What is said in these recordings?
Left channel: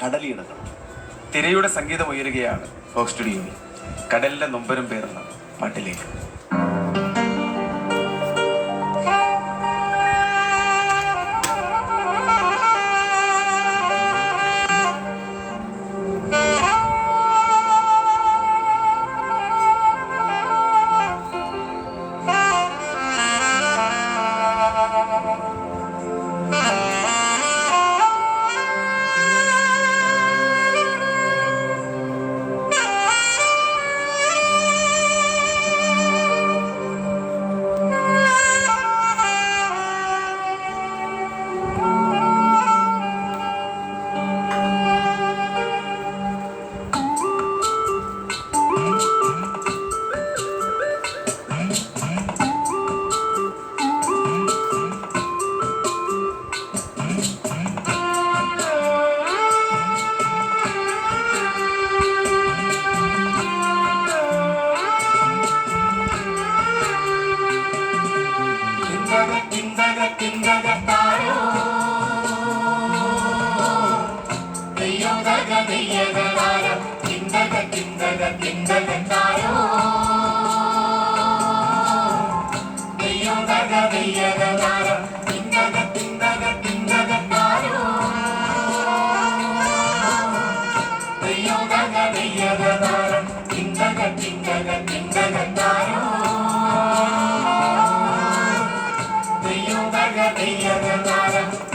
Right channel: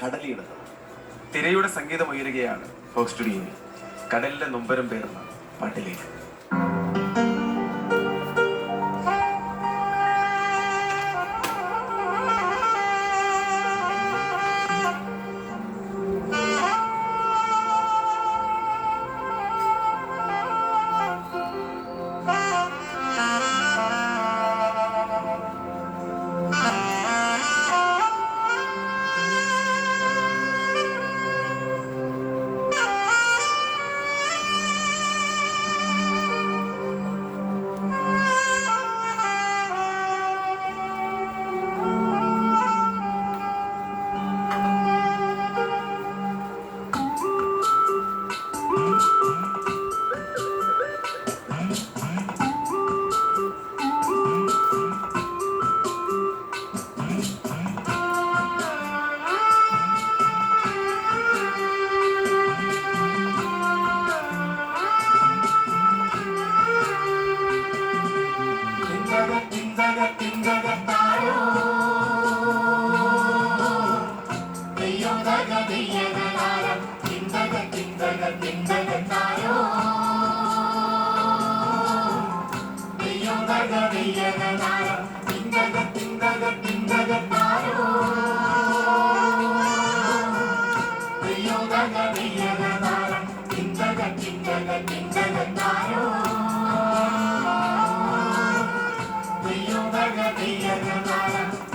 കടലിയിടുന്നത്. തിരയുടെ സംഗീതം ഉയരുകയാണ് ഫോക്സ് സ്റ്റുഡിയോയിൽ. കടലിലെ നൊമ്പരം പേർന്ന പാട്ടിലേക്ക്.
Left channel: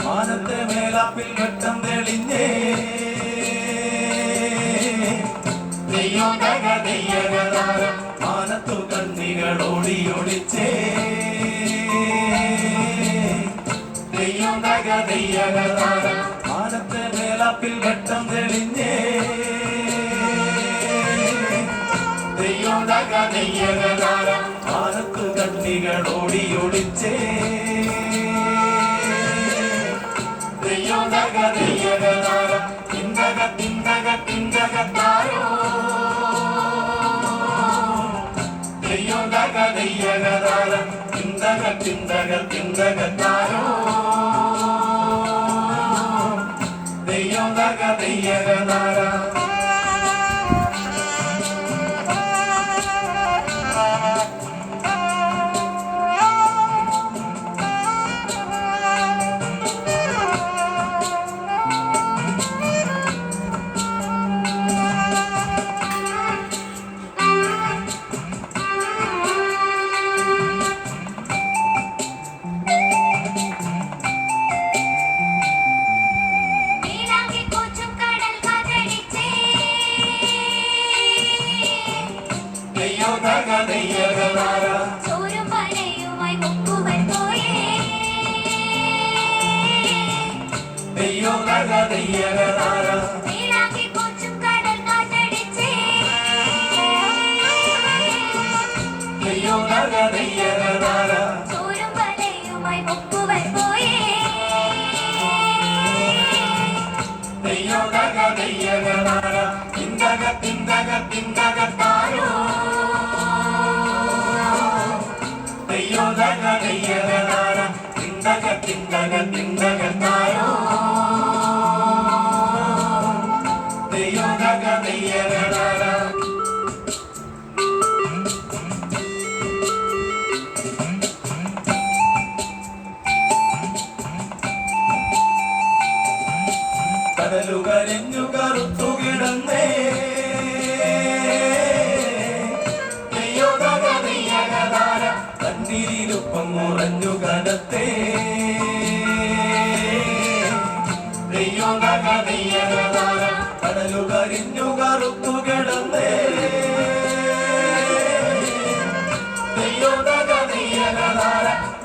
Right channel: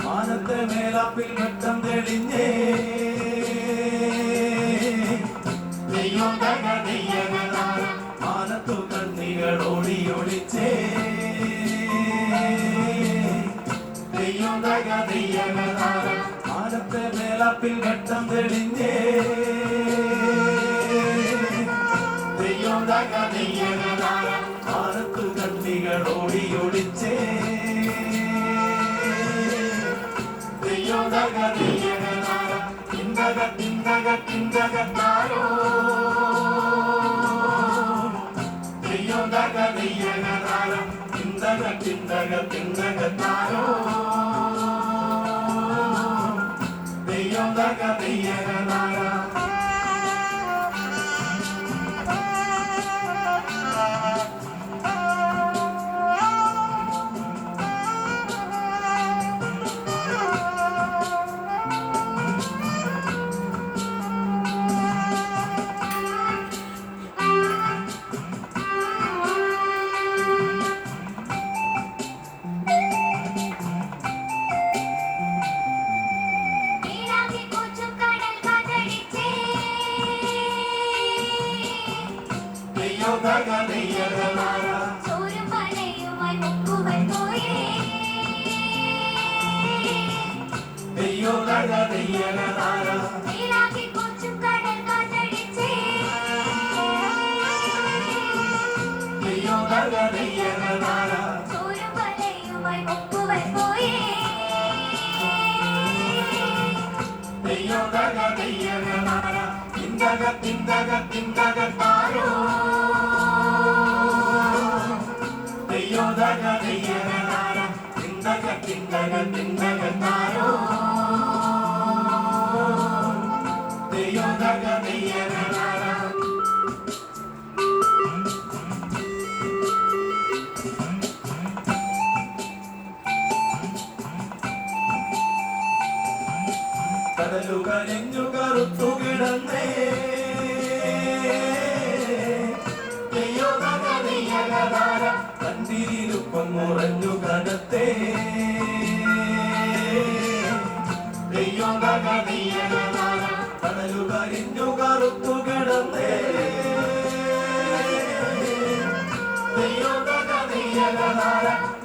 മാനത്തെ മേലാപ്പിൽ ഘട്ടം തെളിഞ്ഞേ മാനത്തു കണ്ണികൾ ഓടിയൊളിച്ചേ മാനത്തെ മേലാപ്പിൽ ഘട്ടം തെളിഞ്ഞേ മാനത്തു കണ്ണികൾ ഓടിയൊളിച്ചേ കടലുകരഞ്ഞു കറുത്തു കിടന്നേ കണ്ണീരുപ്പം മുറഞ്ഞു കടത്തേ കടലുകരിഞ്ഞു കറുത്തു കിടന്നേ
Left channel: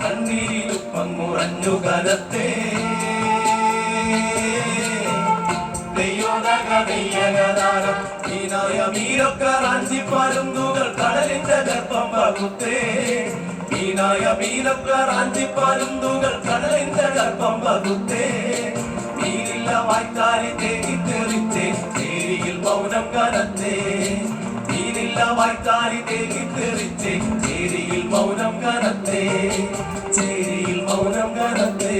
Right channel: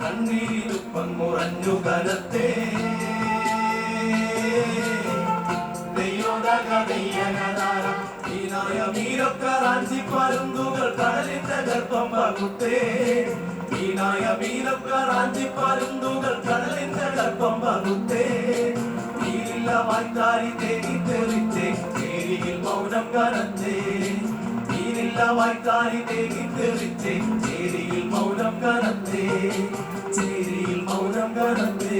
കണ്ണീരുപ്പം മുറഞ്ഞു കടത്തേ മീനൊക്കെ റാഞ്ചി പരുന്തുകൾ കടലിന്റെ ഗർഭം പകുത്തേ മീനായ മീനൊക്കെ റാഞ്ചി പരുന്തുകൾ കടലിന്റെ ഗർഭം പകുത്തേ മീനില്ല വായ്ത്താരി തേങ്ങി തെറിച്ചേ ചേരിയിൽ മൗനം കനത്തേ മീനില്ല വായ്ത്താരി തേങ്ങി തെറിച്ചേ ചേരിയിൽ മൗനം കനത്തേ ചേരിയിൽ മൗനം കനത്തേ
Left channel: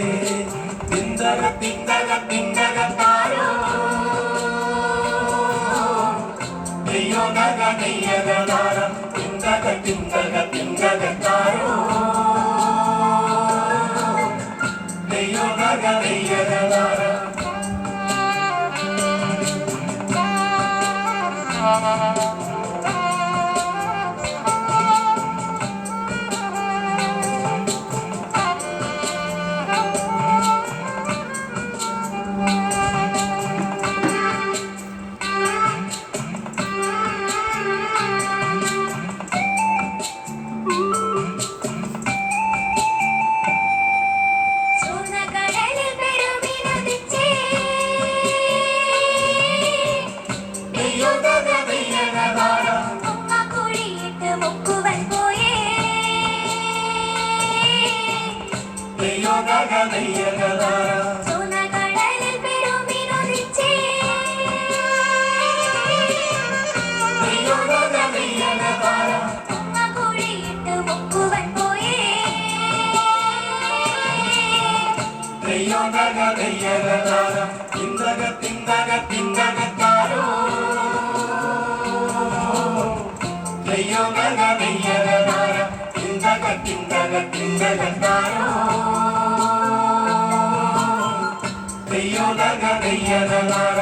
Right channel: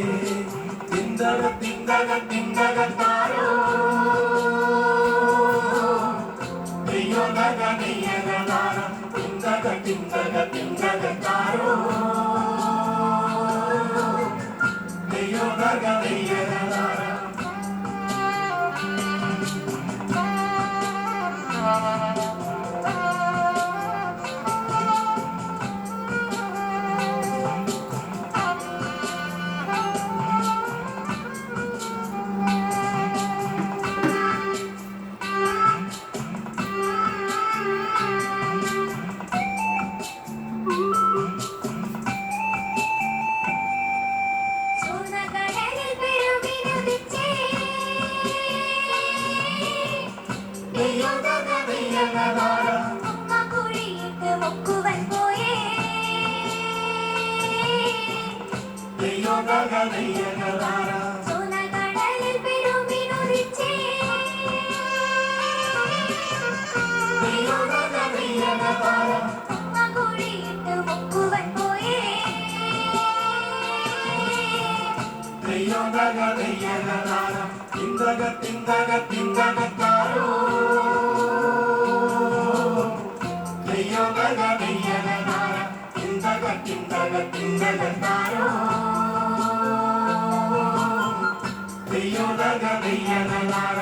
തിന്തകത്താരോ നെയ്യോ നഗ നെയ്യകതാര തിന്തകത്താരോ നെയ്യോ നഗ നെയ്യകതാര തിന്തകത്താരോ നെയ്യോ നഗ നെയ്യകതാര തിന്തകത്താരോ നെയ്യോ നഗ നെയ്യകതാര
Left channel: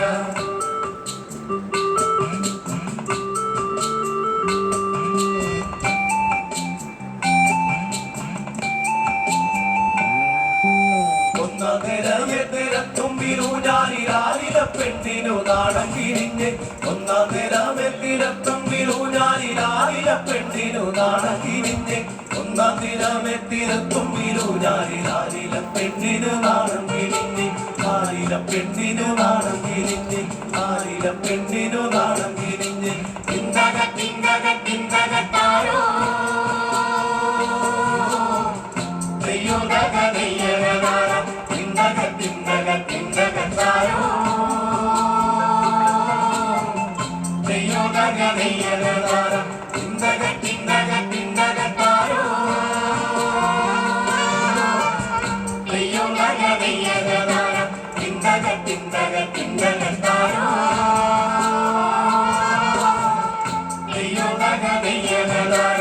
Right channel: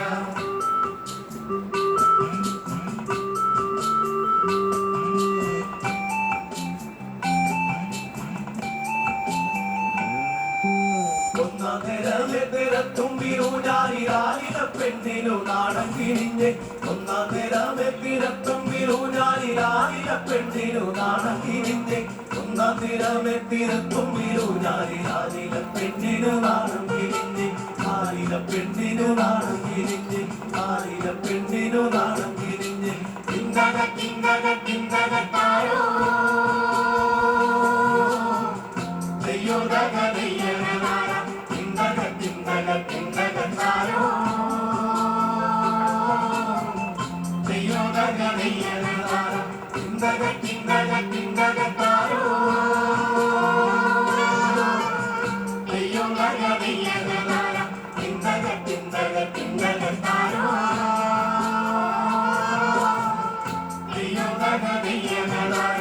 പെണ്ണിനു നാണം കിരിഞ്ഞ് ഒന്നാം തിരമെത്തിരത്തുമ്പിലൂഞ്ഞാലിലാലില പെണ്ണിനു നാണം കിരിഞ്ഞ് ഒന്നാം തിരമെത്തിരത്തുമ്പിലൂഞ്ഞാലിലാലില പെണ്ണിനു നാണം കിരിഞ്ഞ് ആലില പെണ്ണിനു നാണം കിരിഞ്ഞ് ആലില പെണ്ണിനു നാണം കിരിഞ്ഞ് തിന്തകത്താരോ നെയ്യോ നഗ നെയ്യകതാര തിന്തകത്താരോ നെയ്യോ നഗ നെയ്യകതാര തിന്തകത്താരോ നെയ്യോ നഗ നെയ്യകതാര തിന്തകത്താരോ നെയ്യോ നഗ നെയ്യകതാര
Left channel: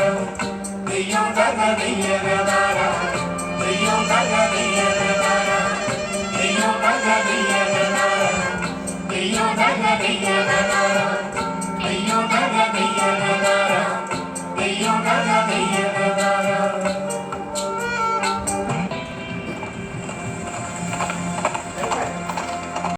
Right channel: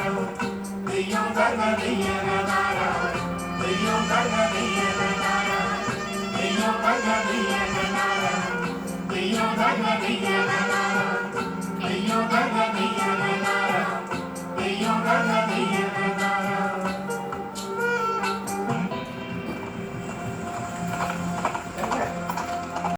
നെയ്യോ നഗ നെയ്യകതാര നെയ്യോ നഗ നെയ്യകതാര നെയ്യോ നഗ നെയ്യകതാര നെയ്യോ നഗ നെയ്യകതാര നെയ്യോ നഗ നെയ്യകതാര നെയ്യോ നഗ നെയ്യകതാര